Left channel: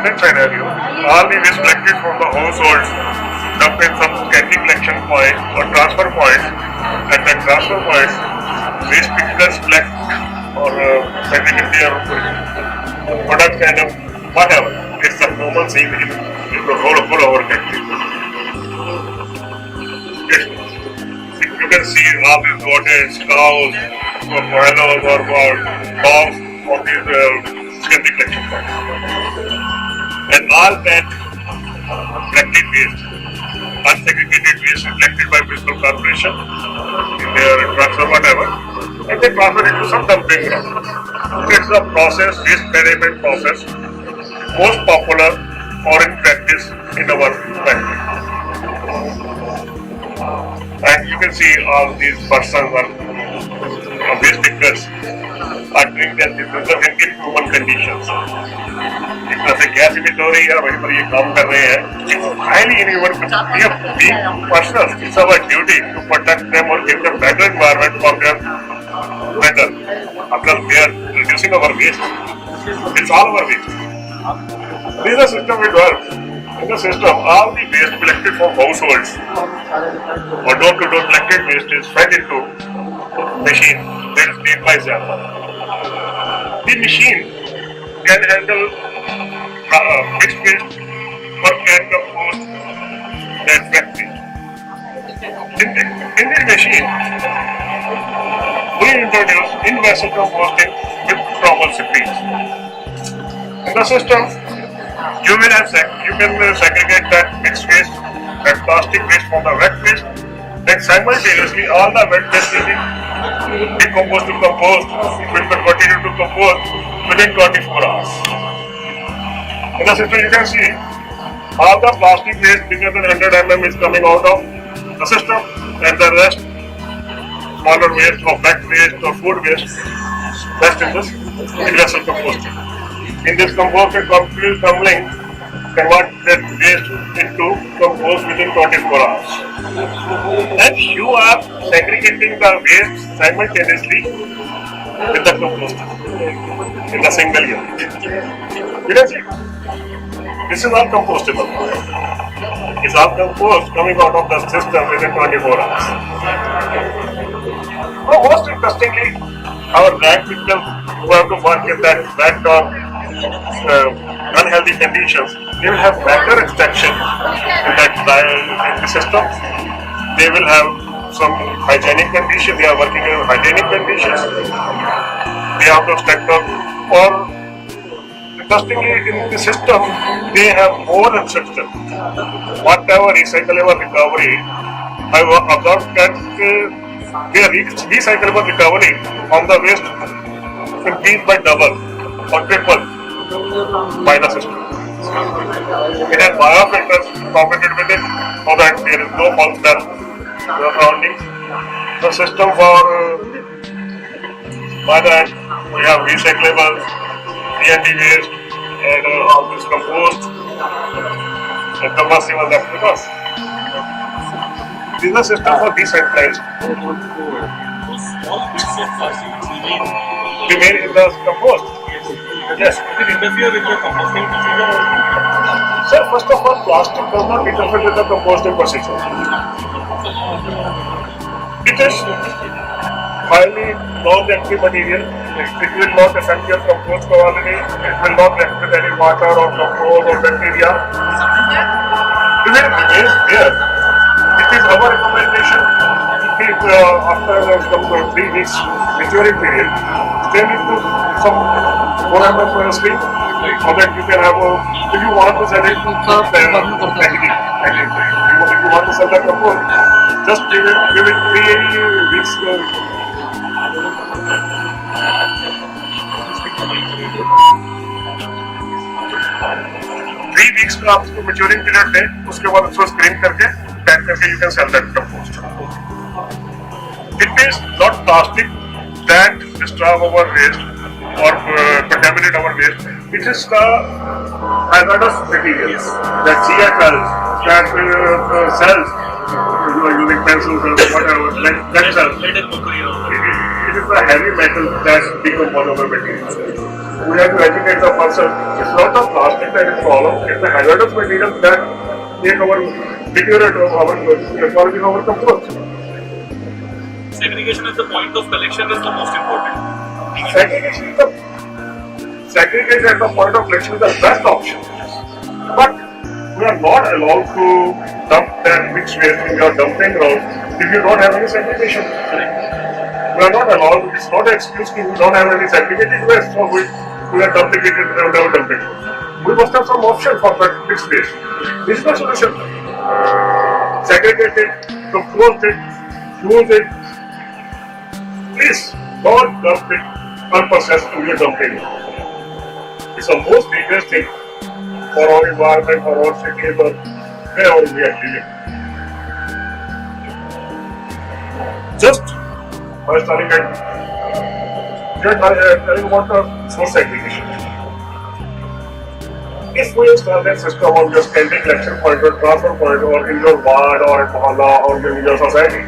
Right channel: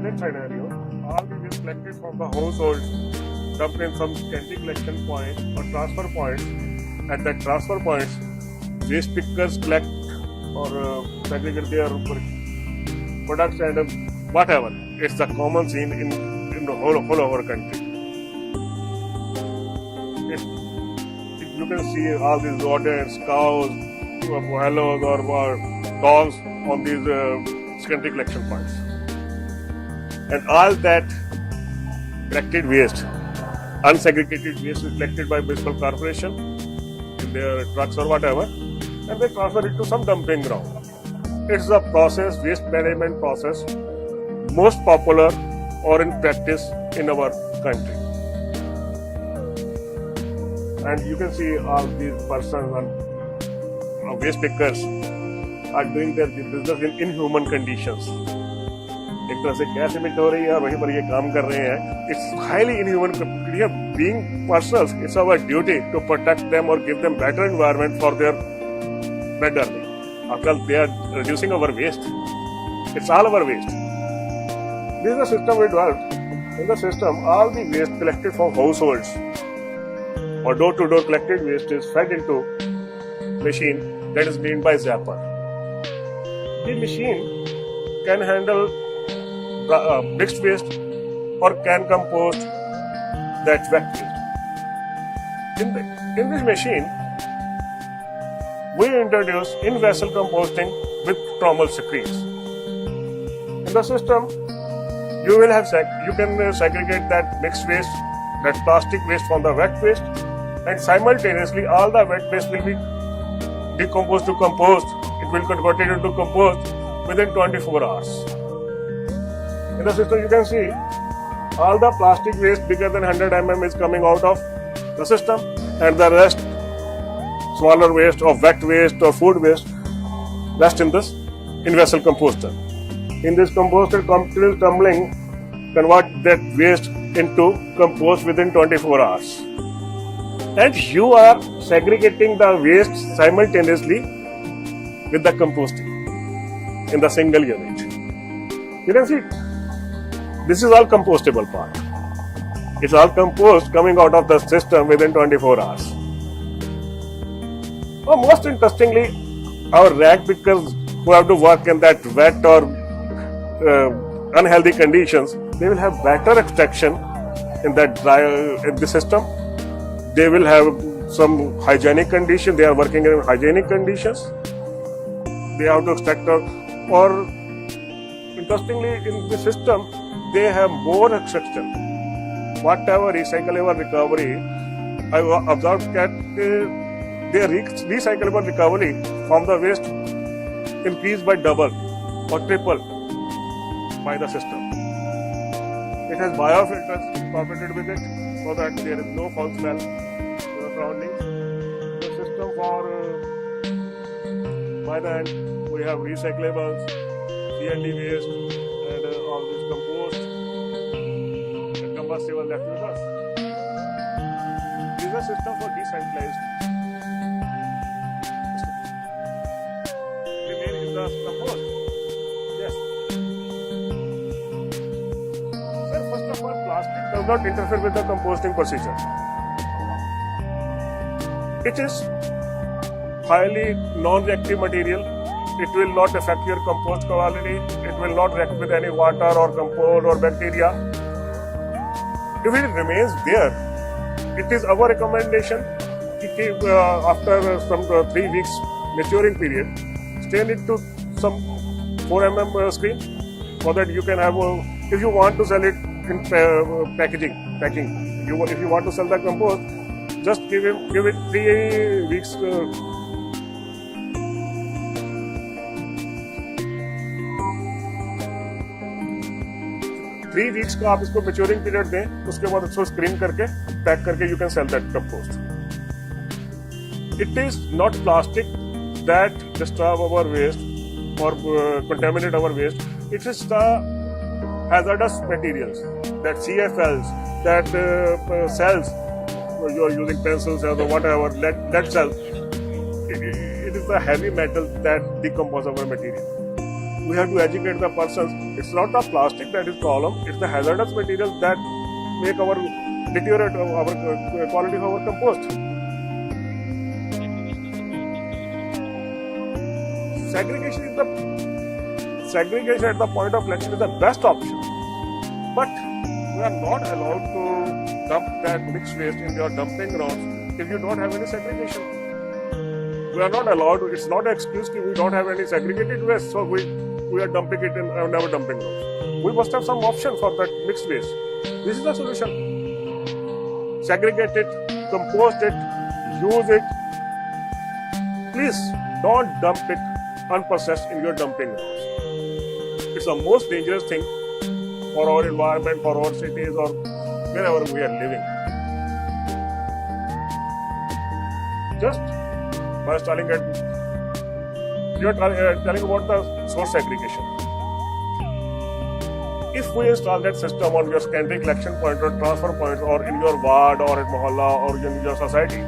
present scenario, all the waste collected from the households dumped in some secondary collection point or transfer point. At that transfer points, waste pickers collect or segregate their products and whatever. It's a common scene in the whole of our country. You can see all these goats, cows, or buffaloes or hogs on these secondary collection points. And all that collected waste, unsegregated waste is collected by municipal corporation in their trucks or whatever, and they transfer it to some dumping ground. It's a process, waste management process, most popular or in practice in our country. And you can see all these persons or waste pickers are doing their business in inhuman conditions. एक तरह से gas emit हो रही है, वहीं पर ये काम कर रहे हैं. It's highly inhuman. We are being persons. It's our duty to protect them or give them better environment for their better. After they are reducing our waste, it's all our waste. This is the system it works. In the system, all the waste collected from households or door-to-door collected waste is fed into machine that is made by Zappa. The machine can handle mixed waste or can compost that wet waste. In this machine, we introduce in-vessel composting with trommel screens. In the system, you can segregate that mixed waste, that plastic waste from the wet waste, and simultaneously all the wet waste will be decomposed to compost. It will continue to compost within 24 hours. In the system, you can see all the plastic waste bigger than 100 mm is coming out of the system, and the rest, smaller waste or wet waste or food waste, rest in this in-vessel composting. In this composting, continuous tumbling convert that waste into compost within 24 hours. And you are segregating the waste simultaneously with the composter in the single unit. You can see, this is all compostable part. It's all compost coming out of the system within 24 hours. Oh, most interestingly, our rag pickers who have to work in that wet or unhealthy conditions, they will have better extraction in the system. They will have some hygienic conditions. They are working in hygienic conditions. They have to extract or interestingly in the system they have more extraction. Whatever recyclable recovery, I have observed that their recyclable recovery from the waste increased by double or triple by the system. It has biofilters incorporated with it so that there is no foul smell to the surroundings. The system for by that we have recyclables, CND waste, and all this compost and combustible leftovers. This is a system for decentralized. Remain in the compost. Yes. It interfere with your composting procedure? Sir, first of all, plastic does not interfere with the composting procedure. It is highly non-reactive material. It will not affect your compost quality. It will not react with any water or compost or bacteria. If it remains there, it is our recommendation to keep after 3 weeks maturing period, still into some 4 mm screen so that you can have, if you want to sell it to packaging. If you want to sell the compost, just give it 3 weeks. 3 weeks का आप उसको maturing period दें, उसके बाद उसको screen करके pack करके you can sell that compost. It is not plastic that destroys our waste or contaminate our waste. It is the hazardous materials that CFLs, that cells, you are using pencils or whatever, that cells. It is the heavy metal that decompose our materials. We have to educate the person. It's not the plastic that is the problem, it's the hazardous materials that make our deteriorate our quality of our compost. Segregation at the point of collection is the most important. Segregation at the point of collection is the best option. But we are not allowed to dump that mixed waste in your dumping ground if you don't have any segregation. We are not allowed, it's not an excuse if we don't have any segregated waste, so we are dumping it and never dumping it. We must have some option for that mixed waste. This is the solution. Segregate it, compost it, use it. Please don't dump it unprocessed in your dumping. It's the most dangerous thing for our environment, for our cities, or wherever we are living. Just by starting at, we are telling about the source segregation. If we install that system on your standing collection point or transfer point or in your ward or in Mohalla or in your society,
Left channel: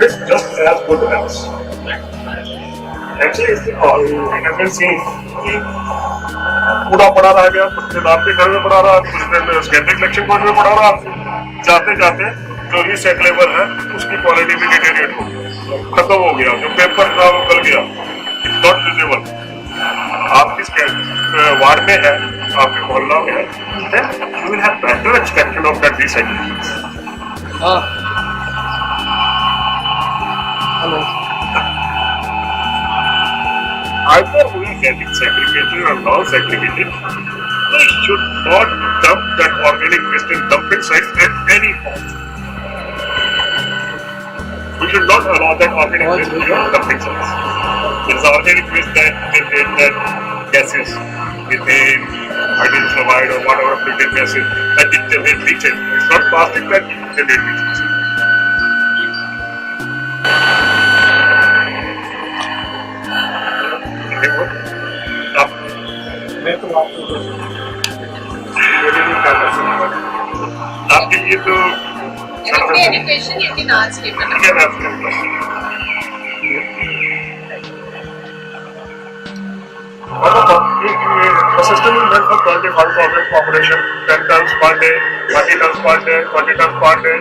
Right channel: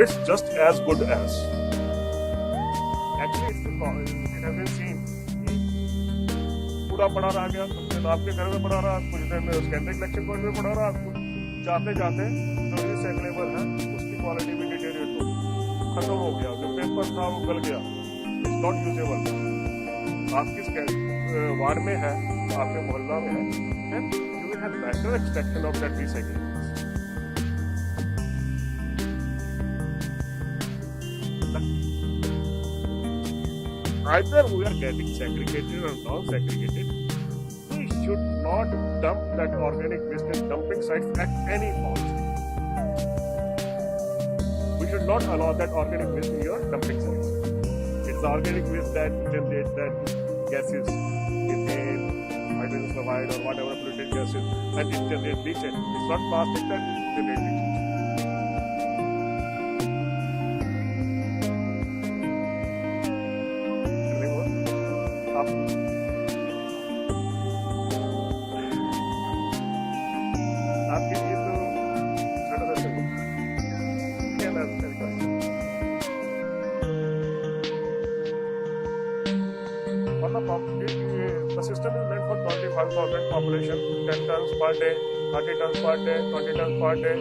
it's just as good as. Actually, I have been seeing कूड़ा पड़ा रह गया, कुछ दिन आपके घर में पड़ा रहा, कुछ दिन स्कैंडिंग कलेक्शन पॉइंट में पड़ा रहा, जाते जाते जो रिसाइक्लेबल है उसकी क्वालिटी भी डिटेरिएट हो गई, खत्म हो गया, जो पेपर था वो गल गया, इट्स नॉट यूजेबल. आपकी वार्ड में है, आपके मोहल्ला में है, then you will have better extraction of that recycling. Hello. Either we are getting segregated or non-segregated, we should not dump that organic waste in dumping sites at any cost. We should not allow that organic waste in dumping sites. There is organic waste that gases, methane, hydrogen fluoride or whatever filtered gases that generate leachate. It's not plastic that generate leachate. आपके लिए तो education लेकिन आज के The system is meant for 25,000 population, 10 tons per day, 30 tons per day, 20 tons per day.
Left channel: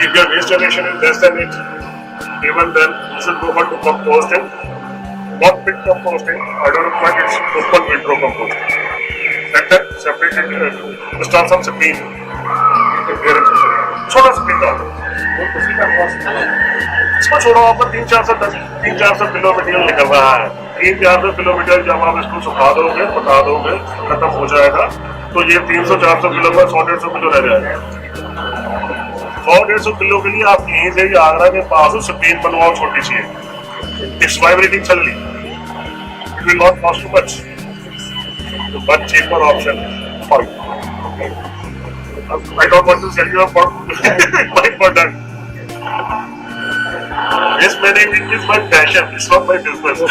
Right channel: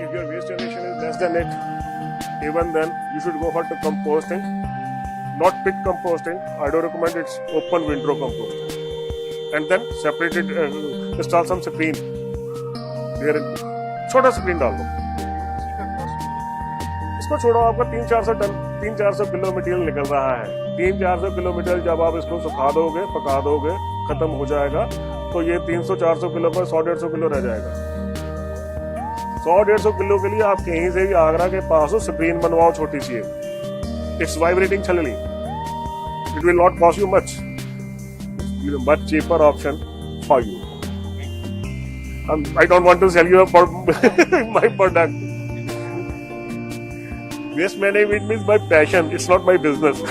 If your waste generation is less than it, even then you should go for composting. Not pit composting, I don't recommend it's open windrow composting. And then separate it, start some screen. छोटा screen डाल दो, इसको छोड़ो, आपको 300-400 kilometre निकल रहा है. 300-400 kilometre जब आप इसको सुखा दोगे, पका दोगे, खत्म हो जाएगा, तो ये 300-400 किलो में 100-150 किलो रह जाएगा. 100-150 किलो के लिए आप यहीं से आगरा के पास हो स्क्रीन बनवाओ छोटी सी. It's vibrating suddenly. It will not cost you much. It's a much cheaper option for you. I don't want to sell you my product. Waste management is my passion. It's not my business.